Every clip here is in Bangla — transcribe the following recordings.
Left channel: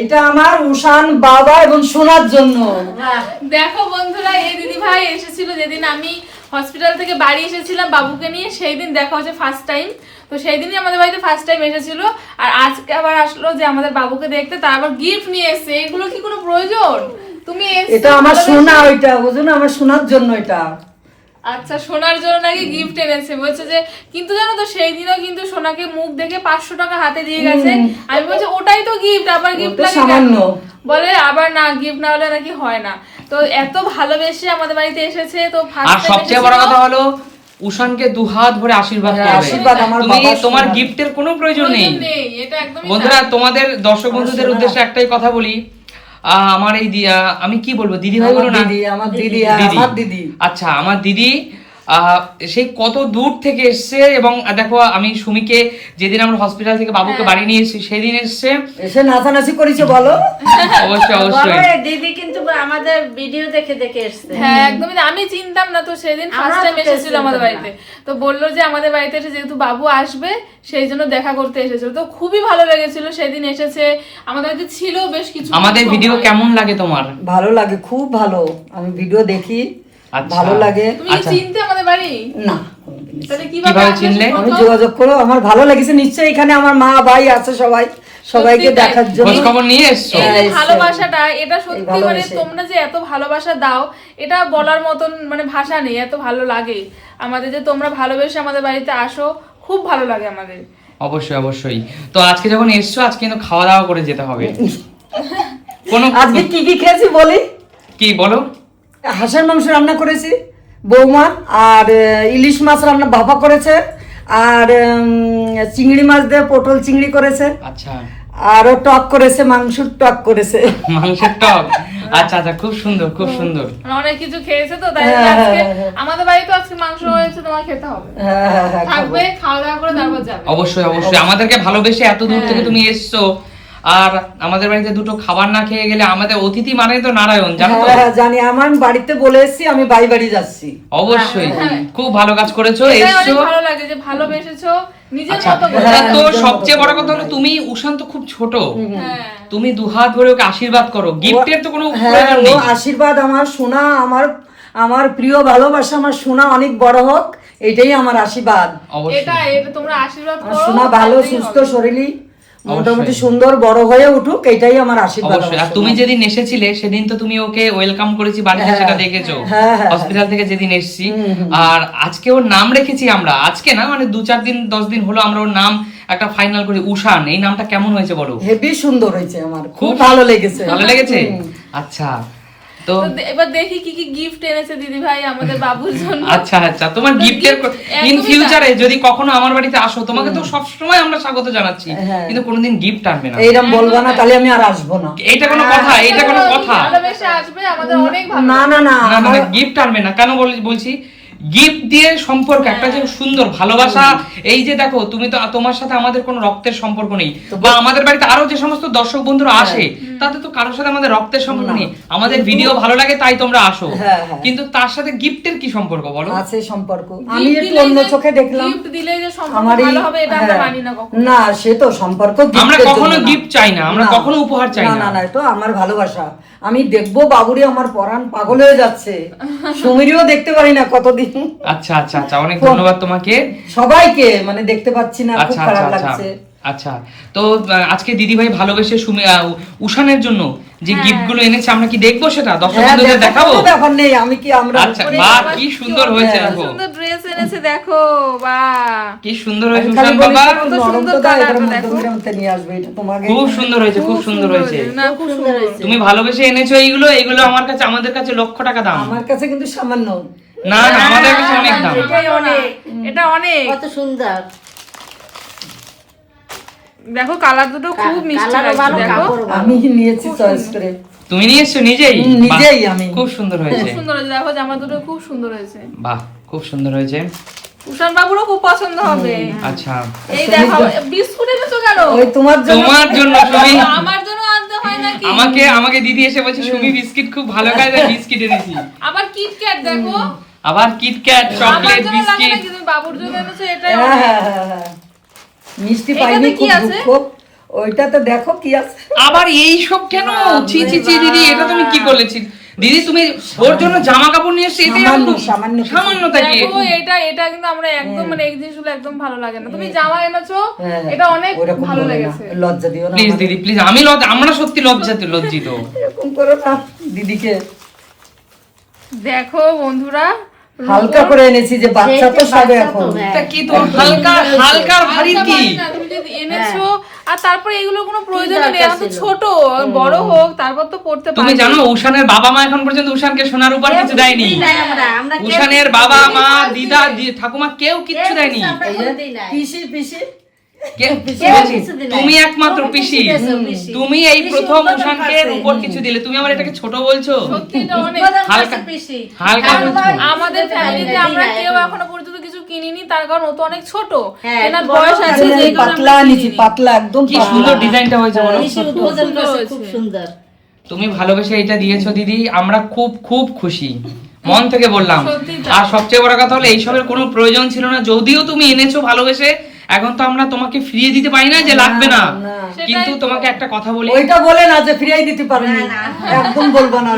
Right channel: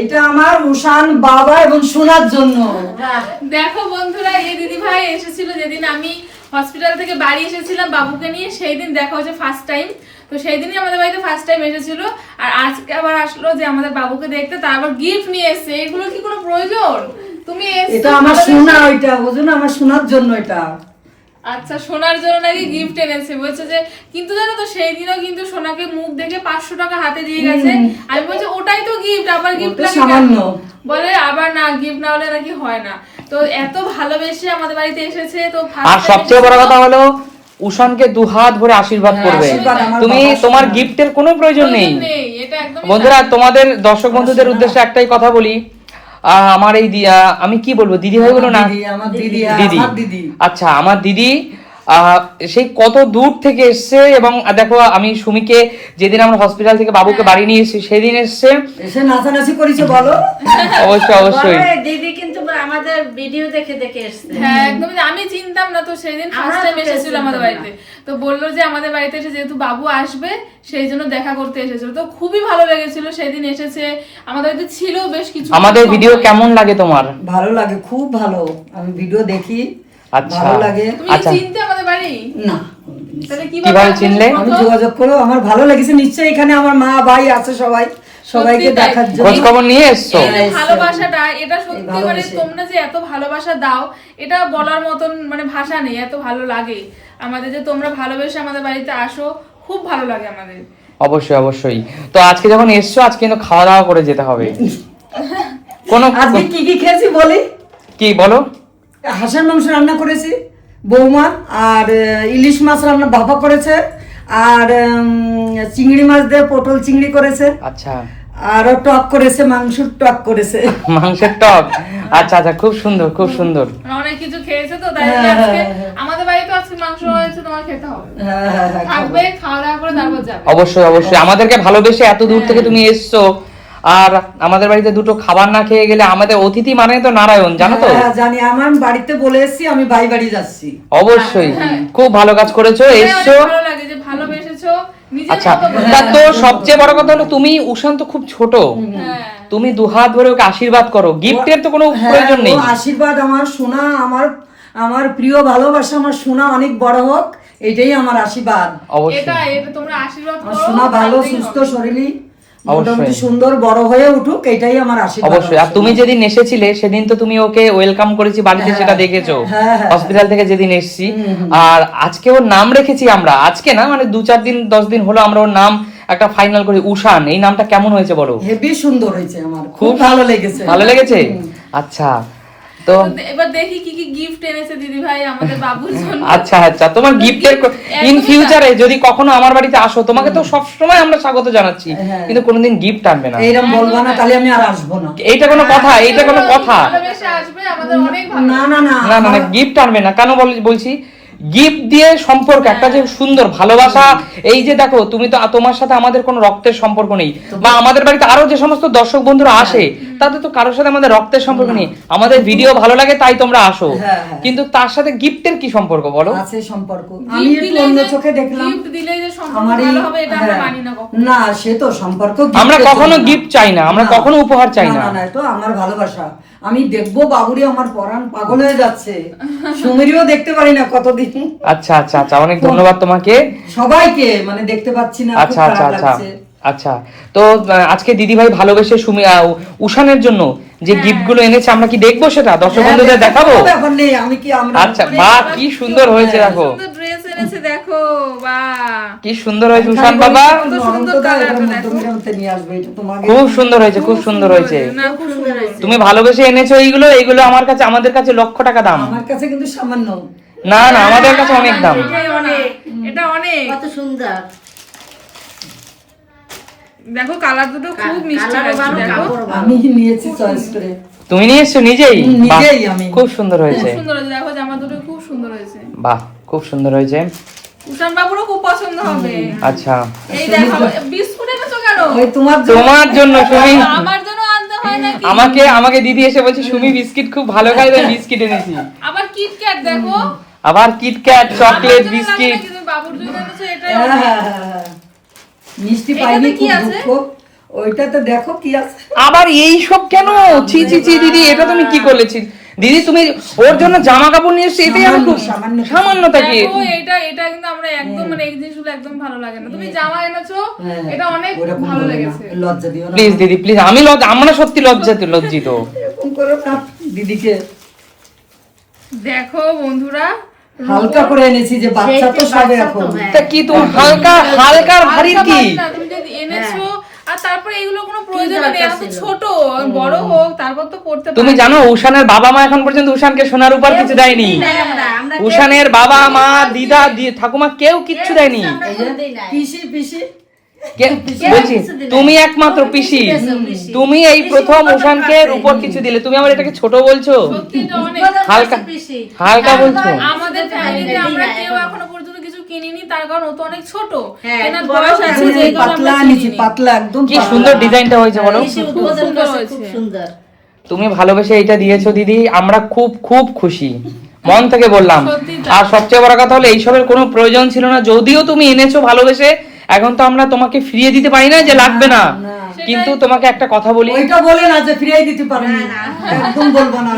এটা আমার উষান বাবা এবং সোনার জন্য। দেখো বন্ধুরা, এই দিদি ভাই এসেছিল যেদিন আমি হসপিটাল থেকে বাড়ি এসেছিলাম বাবুকে নিয়ে, সেই দিন দেখা হচ্ছে ফার্স্ট টাইম। তো সেই দিনই আমাদের বাড়িতে ফার্স্ট টাইম এসেছিল, আর আজকে আবার আসলো যে আমাদের বাবুকে দেখতে, তার আবার গিফট নিয়ে এসেছে। এগুলো কি কোনো প্রয়োজন? তুমি এটা আমার সোনা, ওইটা বুঝুন আমার সোনার জন্য এটা। আচ্ছা, সোনার জন্য নাকি গিফট এনেছে বলছে যে, কিন্তু জানো তো সেই দিনও কিন্তু সোনাকে মুখ দেখে 500 টাকা হাতে দিয়ে গেছে। আমি বলছি ওটাই তো গিফট, আবার গিফট লাগে কেন? বলে আবার না, গিফট না হলে নাকি হয় না। তো এত ভালোবেসে আমাদের বাড়িতে এসেছে। তো আর সবচেয়ে বড় কথা হলো উষানকে দুহাত ভরে আশীর্বাদ করবে। তুমি তোমার গিফটের কোনো প্রয়োজন নেই। এটা একদমই বন্ধুরা, তোমাদের দর্শক বন্ধুদের উদ্দেশ্যে একটাই কথা বলি, আমার এই আমি কি বলবো, দিদি হয়ে বলো না, আমার দিদি, আমার দিদি। আচ্ছা, আমার দিদি সেই কত দূর থেকে এসছে। এবং দেখো, আমি সুমিকে যেদিন আমরা হসপিটাল থেকে বাবুকে বাড়ি নিয়ে এসেছি সেদিন এসে নাচানাচি করেছে বলো। অবশ্যই অবশ্যই দিদি কিন্তু আমাদের ভিডিও দেখে দেখে এসছে। হ্যাঁ একদমই, আমি চিনতাম না। তো সেদিন ফার্স্ট টাইম এসেছিল আমাদের বাড়িতে, তো বললো যে আমাদের বাড়িতে এসে যেহেতু বাবু আসবে সেই জন্য দেখা করতে এসেছিল। তো খুবই ভালো লেগেছিল সেদিন এসেছে আমাদের বাড়িতে, ছিল বেশ কিছু। আমাদের ভিডিও কেমন লাগে তোমার? ভালো লাগে, খুব ভালো। আমি ভিডিও দেখি, ভালো লাগে। তুমি কি চিনতে আমাদের বাড়ি? না, তাহলে কিভাবে চিনলে? আমি যোগাযোগ করো, আমার ভালো লেগেছে। নিশ্চয়ই এখানে আমার মা ভাই আছে, সবাইকে দেখার জন্য খবর নিয়ে এসছো। এই যে ভালোবাসাটা, এটা সত্যি মানে তোমরা যে এত ভালোবাসা দাও, এটা বলার মতন মানে ভাষা নেই। এত ভালো লাগে আমাদের যে তোমরা ভালোবেসে আমাদের বাড়িতে আসো, খুব ভালো লাগে আমাদের। অবশ্যই অবশ্যই। তো আজকে যখন এসছো, আজকে কিন্তু খাওয়া দাওয়া করে যেতে হবে। আজকে কি কি খেয়েছি বলি? কি বলো? হাঁসের মাংস রান্না করেছি বৌমা, আর ইলিশ মাছ রান্না বাবা করেছে, আর চিংড়ি মাছ দিয়ে পটল চিংড়ি করেছে। আচ্ছা, আরো টক করেছে, মাংসের টক করেছে। মাংসের টক। আচ্ছা আচ্ছা, খুব সুন্দর খুব সুন্দর। অনেক কিছু খেয়েছে তো, তাই আজকে আমাদের বাড়িতে আজকে মাংস হয়েছে, তোমার খেতে হবে। থাকবে, খাওয়া দাওয়া করে তারপর যাবে। অবশ্যই অবশ্যই, আমাদেরকে ভালোবেসে এত দূর থেকে তুমি এসছো, আর আমাদের বাড়িতে দুটো খাবার না খেয়ে গেলে, আমাদের অতিথি মানে তো নারায়ণ, জানো তো? জানি, আমার বাড়িতে বলে এসেছি আমি বাড়ি যাচ্ছি। অবশ্যই, খুব ভালো কাজ করেছো, এসছো। ভালো লাগে যে ভালোবেসেছো নিজের আচ্ছা, মতো করে। তো সবচেয়ে বড় কথা হলো তুমি, উষান তো খুব ছোট, তুমি দুহাত ধরে ওকে আশীর্বাদ করো। গিফটের তো কোনো প্রয়োজন নেই। আশীর্বাদ আমার সোনা, আমার প্রিয় ভালোবাসা, আমার সোনা অনেক বড় হোক, এটাই আমার আশীর্বাদ। এটা তোমরা আশীর্বাদ করো, সোনা ভালো সুস্থ শরীরই মোটামুটি সুন্দর বড় হয়ে উঠুক, এটাই আমার আশীর্বাদ। অবশ্যই। আর তুমি যেদিন এসেছিলে সেদিন তো তুমি ওকে ওয়েলকাম করেছি বাড়িতে, সেটা দেখেছো হসপিটাল থেকে যেদিন এসেছি। আর আজকে ওর নাম রেখেছি আমরা, আজকে না মানে 2-4 দিন 10 দিন হলো আমরা ওর নাম একটা ফাইনাল করি, উষান। এই নামটা কেমন হয়েছে বলো? হেভি সুন্দর হয়েছে, আমার খুব ভালো লেগেছে। ভালো লেগেছে? আচ্ছা, তো এবার দেখি কি কি গিফট এনেছে দিদি ভাই আমাদের বাবুর জন্য। আচ্ছা আচ্ছা, তোমার গিফটের ইন ফিউচারে যদি কখনো আমার বাড়িতে আসো, তোমাকে তো সব সময় আমরা স্বাগত জানাচ্ছি, কিন্তু কোনোদিন গিফট আনবে না, এইরকম বলবা না, তাহলে আমি আর আসবো না। এইটা কোনো কথা? এইটা কোনো কথা? ভালোবেসে আসবে, আমাদের অনেক ভালো। না না না, না মানে গিফট আনবে না কেন বলছি, গিফট দিয়ে সম্পর্ক একটা যে সুন্দর ভালোবাসা। এই যে দেখো, তুমি তো, তোমার সাথে আমাদের কোনো রক্তের সম্পর্ক নেই, বা আমাদের বাড়িতে আরো যে সমস্ত দর্শক বন্ধুরা আসে তাদের তো কারোর সাথে আমাদের রক্তের সম্পর্ক নেই, আমাদের ভিডিও ভালো লাগে তাই তোমরা আসো, কিন্তু তার সাথে গিফটের কি সম্পর্ক বলো? আছে সম্পর্ক। আমি একটু অন্য চোখে দেখলাম, গিফট দিলে যে সম্পর্ক ভালো হবে এটা আমরা মানি না কখনো। না, সে তো সম্পর্ক আমরা কখনো গিফট চাই না, আমরা কখনো উপহার চাই না। না না, তো আমার ভালোবাসা। আমি দেখবো বাবুরে, আমার পরাণ পাগল হয়ে যাচ্ছে, সুমিরিও দেখতে পারি না কতদিন। আচ্ছা আচ্ছা আচ্ছা, অনেক ধন্যবাদ তোমাকে, সবাইকে মানে দেখতে পাচ্ছি না, খুব আচ্ছা খারাপ আচ্ছা লাগছে। আচ্ছা, তো আজকে দিদি ভাই ভালোবেসে উষানের জন্য যে গিফট গুলো এনেছে, আমরা কি দেখবো সেটা দর্শক বন্ধুদের দেখাবো? ব্যাপার নেই, আমি কি আমরা। আচ্ছা, বাহ কি সুন্দর হয়েছে, দেখো সুন্দর ড্রেস এনেছে, দেখো বাহ কি সুন্দর হয়েছে উষান বাবা, কত সুন্দর কালারটা দেখো, নিয়ে আসবে এটা তোমাকে। খুব সুন্দর হয়েছে, খুব সুন্দর হয়েছে। না খুব সুন্দর হয়েছে। তুমি ভালোবেসে এনেছো এইগুলো, এইগুলো আমার কাছে, আমাদের কাছে লক্ষ টাকা দাম। আমার কাছে কিন্তু সামান্য। না না, আমাদের কাছে অনেক দাম। এটা অনেক কত সুন্দর, দেখো কালার দুটো খুব মিষ্টি লাগছে, দেখো আমি নিয়েছি চয়েস করে। তুমি নিয়ে এসছো নিজেই? নিজেই আমি। খুব সুন্দর হয়েছে, খুব সুন্দর হয়েছে, দেখো জামা দুটো খুব সুন্দর হয়েছে। বাহ খুব সুন্দর হয়েছে, উষান বাবুরও খুব পছন্দ হবে। আচ্ছা, এই দেখো বিস্কুট এনেছো কেন? ওই তোমার জন্য। তোমার জন্য তুমি, আমার জন্য আনতে হয় নাকি? আমাকে দিদি এসে বলছে তুমি বিস্কিট খুব ভালো খায়, বিস্কিট এনেছি। আবার কিটক্যাট দেখো, আবার কিটক্যাট, চকলেট, বিস্কিট। তুমি বাবুর জন্য এনেছো, এটাই হ্যাঁ, মিষ্টি পাইনি, এটাতে কি খুব আছে? দুঃখ। ওইটাতে দেখো কি আছে। আবার এই সব কেন? ছি ছি ছি দিদি, এটা তুমি কি করলেছি দিদি? তুমি ওর জন্য জামা কাপড় নিয়ে এসেছো, এটা সামান্যটা কি? দেখো এটা কিন্তু আমরা একদম মানে এই জিনিসগুলো একদম ভালো লাগে না। তুমি জামা এনেছো, এটা অনেক ওরকম ভালো বলো না, লেগেছে। লজ্জা দিও না। প্লিজ দিদি প্লিজ, আমরা সত্যি লজ্জিত। এরকম করো না দিদিকে। দেখো বন্ধুরা, হালকা করে এনেছি যে বাচ্চা তো সবে এখন। তা কি তোমার হালকা ভারী আলসা কি? ভারী না, তুমি যদি এনেছো আর তারপরে এগুলো কোনো প্রয়োজন নেই, এরা তো ছোট, বড় হোক তারপর তো পড়তে তুমি পারবে। জানো উষানের বাবা মা এখন পর্যন্ত উষানকে সোনার উপর কিছু দেয়নি। আমরা উষানের বাবা মা দিদা ঠাকুমা কেউ কিচ্ছু দেয়নি। পিসি পিসি তুমি একমাত্র পিসি, তুমি এই প্রথম উষানকে উপর কিছু দিলে, তুমি আবার এটাকে ছোট বলছো? সত্যি এটা অনেক হালকা আর বলছো। আমাদের ফ্যামিলিতে আমরা কেউ এখনো পর্যন্ত কিছু কিনিনি, তার কারণ ও তো অনেক ছোট, হ্যাঁ, কেনার বয়স আছে, যে কারণে পাতলা আমরা এনেছি, কিনিনি। পাতলা একদম কি পাতলা। সুন্দর ডিজাইনটা হয়েছে বলো। উদ্বোধন করছে, খুব সুন্দর। তুমি ভালোবেসে এটা দিয়েছো দিদি, আমরা খুব খুব খুশি, মন থেকে বললাম। সত্যি তাই। আর সবচেয়ে বড় কথা হলো এইসবের কোনো প্রয়োজন ছিল না, যদিও তুমি এনেছো ভালোবেসে। এখন তো আমরা তোমাকে ফিরিয়ে দিতে পারি না যে লাগবে না, কিন্তু তোমাকে একটা কথা বলি। ওইটা বলে না যে ফিরিয়ে দিতে পারোনি, একদম বলবো না।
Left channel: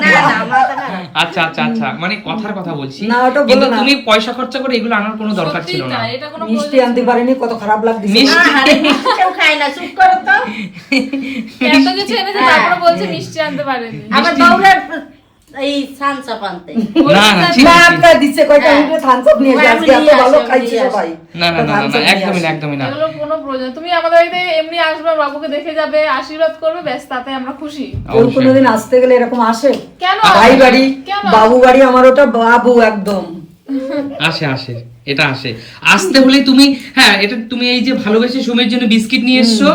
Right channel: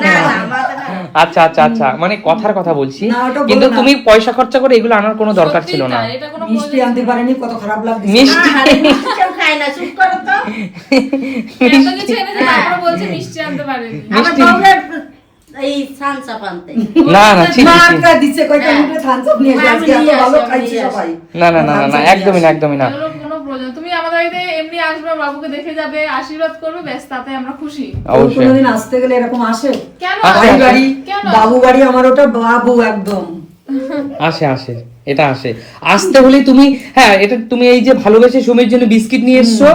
আচ্ছা আচ্ছা আচ্ছা, মানে কথার কথা বলছি, না, ওটা বলো কিন্তু না। তুমি পয়সা খরচা করে এগুলো আনার কোনো দরকার সত্যি ছিল না। তাই, এটা কোনো মিষ্টি আনতে পারেনি, কত খারাপ লাগছে। মিষ্টি কেউ খায় না, চুপ করো তো। এত কিছু এনেছে তারপরে বলছে মিষ্টি আনতে পারেনি। আমার বউরার এই সানসা পান্তে না না ঠিক আছে। একটা দিচ্ছে কয়টা মিনিটে থামস আপ নিয়ে এসে, আজকে এত ভালো খাইছে সবাই। না না না না না, একদমই না একদমই না। এগুলো কোনো প্রয়োজন, তুমি আমাদের বাড়িতে এমনি আসবে, বাবুকে দেখে যাবে, আশীর্বাদ করবে, ব্যাস, তাতে আমরা খুশি। কেউ কোনোদিন আসতে গেলে এরকম আসে? কেন ভাই বাড়ি, কেন? বাবু বাড়ি, আমার ওটা বাবু একদম। আসে এটা আসতে হলে তুমি, হ্যাঁ এটা তুমি এই যে ভালোবেসে সুমির জন্য বিস্কিট নিয়ে এসছো,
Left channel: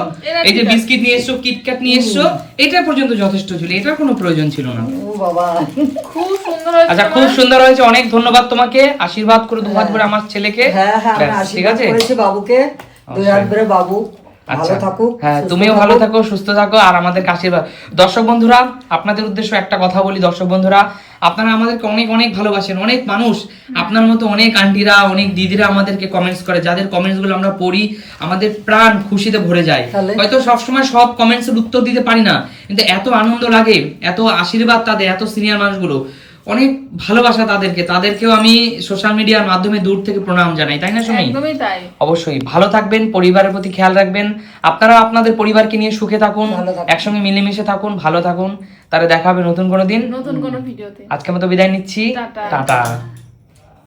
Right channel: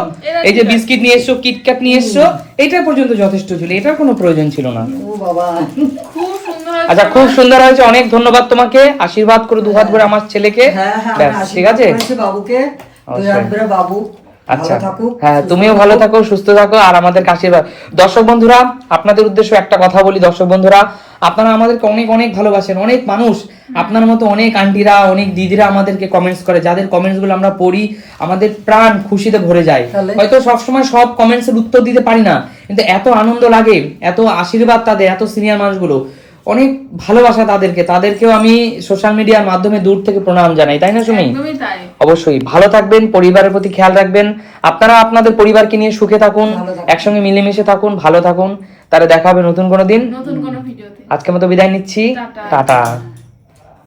এই যে বিস্কিট নিয়ে এসছো, কিটক্যাট নিয়ে এসছো, এটা পর্যন্ত যথেষ্ট ছিল, এটার কোনো প্রয়োজন ছিল না। ও বাবা, খুব সুন্দর হয়েছে। আচ্ছা খুব সুন্দর হয়েছে, অনেক ধন্যবাদ তোমাকে। আশীর্বাদ করে দুহাত করে আমার ছেলেকে। হ্যাঁ হ্যাঁ, ব্যাস, আমরা ঠিক আশীর্বাদ আছে। করেছি বাবুকে, দুই হাত ধরে বাবু ভালো আচ্ছা থাকুক। হ্যাঁ, সুস্থ তুমিও ভালো থাকুক। থাকো, সুস্থ থাকো, আর আমাদের আশীর্বাদ। দর্শক বন্ধুরা, আপনাদের উদ্দেশ্যে একটা কথা বলি। দর্শক বন্ধুরা, আপনারা আমাদেরকে অনেক অনেক ভালোবাসেন, অনেক মানুষ আপনার মতো, অনেক আন্টিরা, অনেক দিদিরা আমাদেরকে কমেন্টস করে, যাদের কমেন্টস গুলো আমরা পড়ি, আমাদের প্রাণ খুশিতে ভরে যায়। তাহলে? হয়তো সবসময় সব কমেন্টস এর উত্তর দিতে পারি না, কিন্তু এত আনন্দ লাগে, এত আশীর্বাদ তাদের, এত সিনিয়র মানুষগুলো, অনেক ভালোবাসা তাদেরকেও আমি সোশ্যাল মিডিয়ার মাধ্যমে দূর থেকে প্রণাম জানাই, তাই না শুনি? একদমই তাই। অবশ্যই ভালো থাকবেন, পরিবারের প্রতি খেয়াল রাখবেন, আপনারা আপনাদের পরিবারকে নিয়ে সুখে থাকুন, ভালো থাকুন। একসঙ্গে মিলেমিশে থাকুন, ভালো থাকুন। তারা দেখা হবে নতুন কোনো দিন। নতুন কোনো ভিডিওতে। আজকের মতো বিদায় নিচ্ছি, টাটা। টাটা।